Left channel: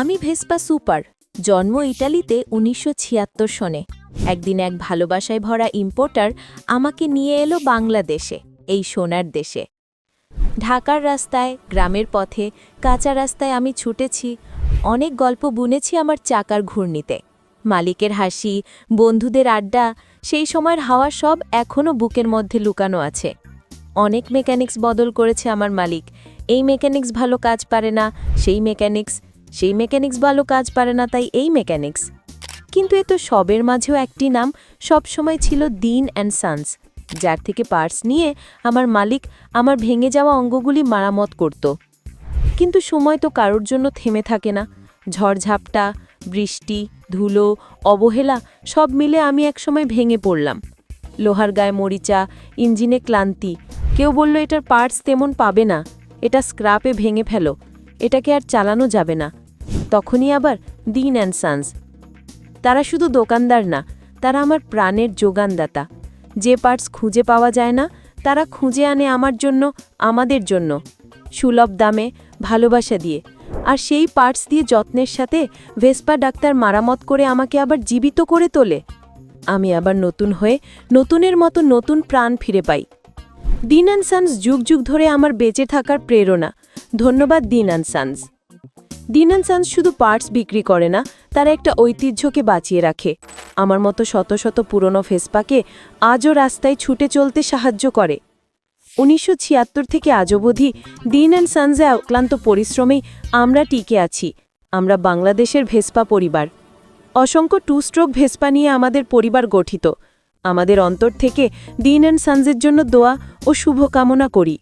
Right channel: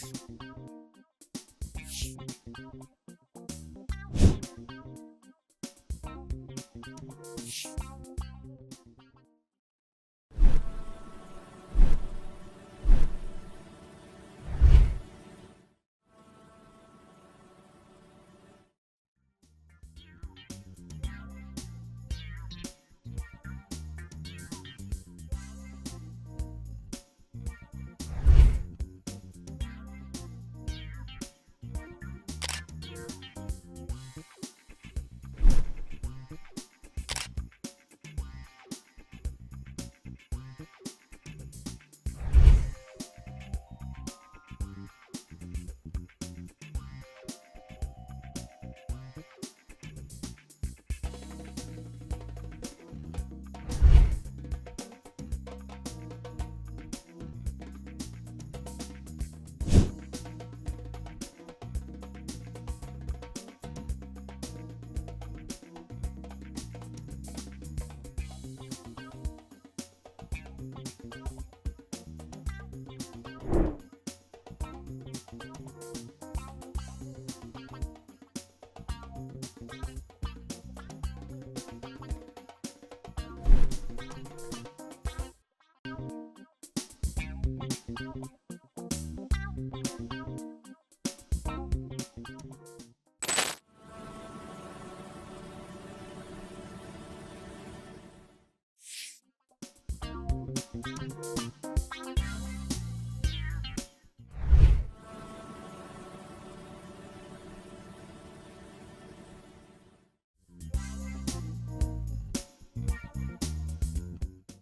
আমি Vespa super, জন্ম ইটালিতে উনিশশো ছিয়াত্তর সনে। একদিন এক ভালোবাসায় ভরা ইম্পোর্টার আমাকে নিয়ে এলো বাংলাদেশে, এই সোনার দেশে। ঢাকার রাস্তায়, গ্রামের পথে, কাঁচা রাস্তায় আমি ছুটেছি, অনেক গল্প বুনেছি আমার চাকার ঘূর্ণিতে। মালিকের হাসি, বন্ধুদের আড্ডা, সেই সময়ের হাওয়া সব এখনও বুকের মধ্যে লুকানো আছে। অনেক মেকানিক্স বদল করেছে আমার মালিক। এই মেকানিক্স ভালো কাজ পারে না, সেই মেকানিক্স সেই মেকানিক্স ভালো কাজ পারে না তাই এই মেকানিক্স। কিন্তু এ তো সবের মাঝেও একটি নাম সবসময় ছিল দিন অ্যান্ড সানস। যার থেকে পার্টস নিয়ে আমার মালিক আমার ভেঙে যাওয়া অঙ্গগুলি মারামত করত। কিন্তু সময় তো কারোর জন্য থেমে থাকে না। ঝড়ঝাপটা বৃষ্টি, ধুলো, অবহেলা সব মিলে আমি একসময় ভেঙে পড়লাম। লোহার গায়ে মরিচা, ইঞ্জিনে ক্লান্তি। কেউ বলল, এটার পার্টস তেমন পাবে না। এটা স্ক্রাপে ভেঙে ফেলো। এটাকে আর চালানো যাবে না। তখনই আবার দিন অ্যান্ড সানস। তারা শুধু দোকানদার না, তারা আমার প্রাণের যোগানদাতা। যে পার্টস খুঁজে পাওয়া যায় না, তারা খুঁজে আনে আমার জন্য, আমাদের জন্য। সুলভ দামে, ভালোবাসা দিয়ে। আর সেই পার্টস দিয়ে যত্নের সাথে ভেসপা ডাক্তার মারামত করে আমাকে আবার জীবিত করে তোলে। আমি আবার নতুন হয়ে নতুনের মতো নতুন প্রাণ ফিরে পাই। দিন অ্যান্ড সানস যুগ যুগ ধরে আমার বেঁচে থাকার প্রেরণা। ধন্যবাদ Din and Sons. Din and Sons শুধু পার্টস বিক্রি করে না, তারা একটা ঐতিহ্যকে বাঁচিয়ে রাখে। আমার মতো শত শত পুরনো ফেসপাকে আজও রাস্তায় ছুটে চলতে সাহায্য করে। উনিশশো ছিয়াত্তর থেকে আজ অবধি দিন অ্যান্ড সানসে অক্লান্ত পরিশ্রমেই আমরা টিকে আছি। আমরা বাংলাদেশের ভেসপা পরিবার। অসংখ্য টু স্ট্রোক ভেসপা নিয়ে আমাদের পরিবার গঠিত। আমাদের অন্তর থেকে দিন অ্যান্ড সানসের জন্য দোয়া ও শুভকামনা করি।